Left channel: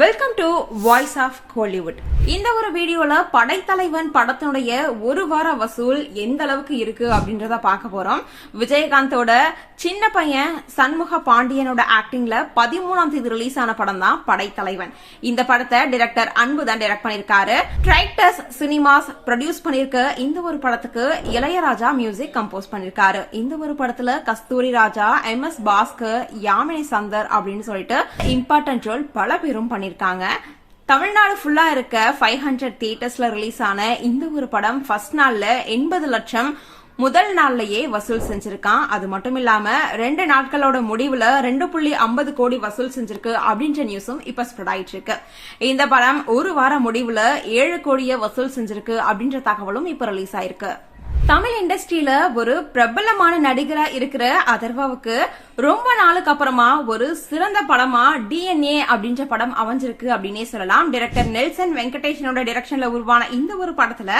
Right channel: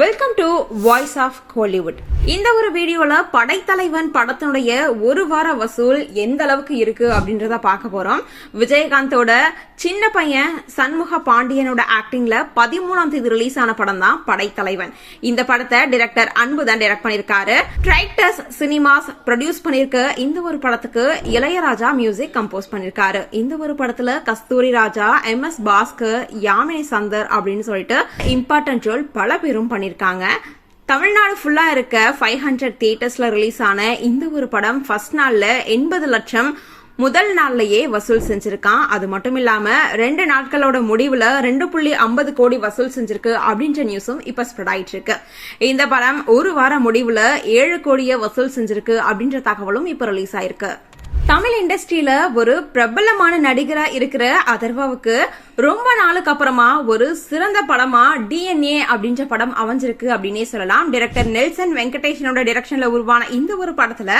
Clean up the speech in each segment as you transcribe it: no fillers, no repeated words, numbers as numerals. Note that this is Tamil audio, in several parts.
Welcome to voice of Kollywood. இந்த ஒரு வீடியோல படைத்தலைவன் படத்தினுடைய ஒரு வார வசூல் எந்த அளவுக்கு இருக்கு அப்படின்றத பார்க்க போறோம். விஜயகாந்தோட சின்ன பையன் சண்முக பாண்டியனோட ஆக்டிங்ல 13ஆம் தேதி ரிலீஸ் ஆன படம் தான் படைத்தலைவன். இந்த படத்தை டைரக்டர் அன்பு தான் டைரக்ட் பண்ணிருக்காரு. ட்ரைட்டஸ் சினிமாஸ் ப்ரொடியூஸ் பண்ணிருக்க இந்த ஒரு படத்துக்கு இளையராஜா மியூசிக் கம்போஸ் பண்ணிருக்காரு. இந்த ஒரு படத்துல கஸ்தூரி ராஜா, MS பாஸ்கர், யாமினி சந்தர் அப்படின்னு சொல்லிட்டு இம்பார்ட்டன்ட் ரோல் பல பேரும் பண்ணிருக்காங்க. தமிழ்நாடு ஃபுல்லா இருக்க 500 தியேட்டர்ஸ்ல ரிலீஸ் ஆன இந்த ஒரு படம் ஃபர்ஸ்ட் நாள்ல 80 லட்சம் முதல் நாள்லயே வசூல் செஞ்சிருக்கான். அது மட்டும் இல்லாம 2 நாட்களோட முடிவுல 2.50 கோடி வசூல் செஞ்சிருக்கு அப்படின்ற நியூஸும் இப்ப ஸ்ப்ரெட் ஆயிட்டு இருக்கு. இந்த படம் ஒரு வார முடிவுல 7 கோடியை வசூல் செஞ்சிருக்கு அப்படின்ற தகவலும் இப்ப ரிலீஸ் ஆயிருக்கு. தமிழ் இண்டஸ்ட்ரியில ஒரு பிரபலமான நடிகரா இருக்கிற அதர்வாவுக்கு ரொம்ப நாளுக்கு அப்புறமா ஒரு சிறந்த படமா DNA அப்படின்ற படம் அமைஞ்சிருக்கு அப்படின்னே சொல்லலாம். டைரக்டர் நெல்சன் வெங்கடேஷனோட டைரக்ஷன்ல உருவான இந்த ஒரு படத்துல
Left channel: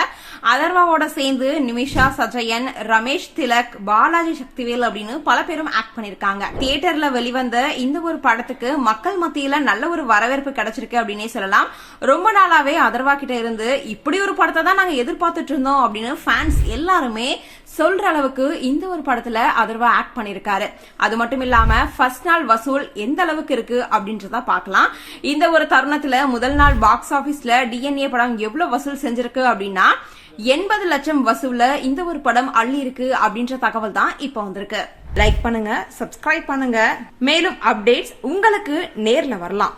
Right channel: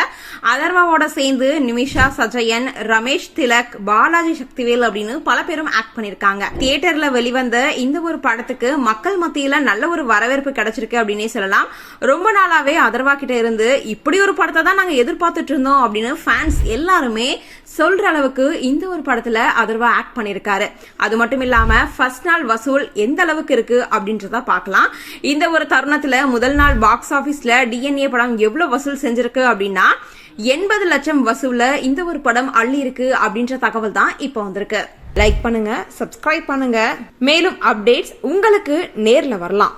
அதர்வாவோட சேர்ந்து நிமிஷா சஜயன், ரமேஷ் திலக், பாலாஜி சக்திவேல் அப்படின்னு பல பேரும் ஆக்ட் பண்ணிருக்காங்க. தியேட்டர்ல வெளிவந்த இந்த ஒரு படத்துக்கு மக்கள் மத்தியில நல்ல ஒரு வரவேற்பு கிடைச்சிருக்கு அப்படின்னே சொல்லலாம். ரொம்ப நாளாவே அதர்வா கிட்ட இருந்து இப்படி ஒரு படத்தை தான் நாங்க எதிர்பார்த்துட்டு இருந்தோம் அப்படின்னு ஃபேன்ஸ் எல்லாருமே சொல்ற அளவுக்கு இந்த ஒரு படத்துல அதர்வா ஆக்ட் பண்ணிருக்காரு. அது மட்டும் இல்லாம ஃபர்ஸ்ட் நாள் வசூல் எந்த அளவுக்கு இருக்கு அப்படின்றத பார்க்கலாம். இந்த ஒரு தருணத்துல முதல் நாள் பாக்ஸ் ஆபீஸ்ல DNA படம் எவ்வளவு வசூல் செஞ்சிருக்கு அப்படின்னா 80 லட்சம் வசூல்ல இந்த ஒரு படம் அள்ளி இருக்கு அப்படின்ற தகவல் தான் இப்ப வந்திருக்கு. லைக் பண்ணுங்க, சப்ஸ்கிரைப் பண்ணுங்க. மேலும் அப்டேட்ஸ் உங்களுக்கு நேர்ல வரலாம்.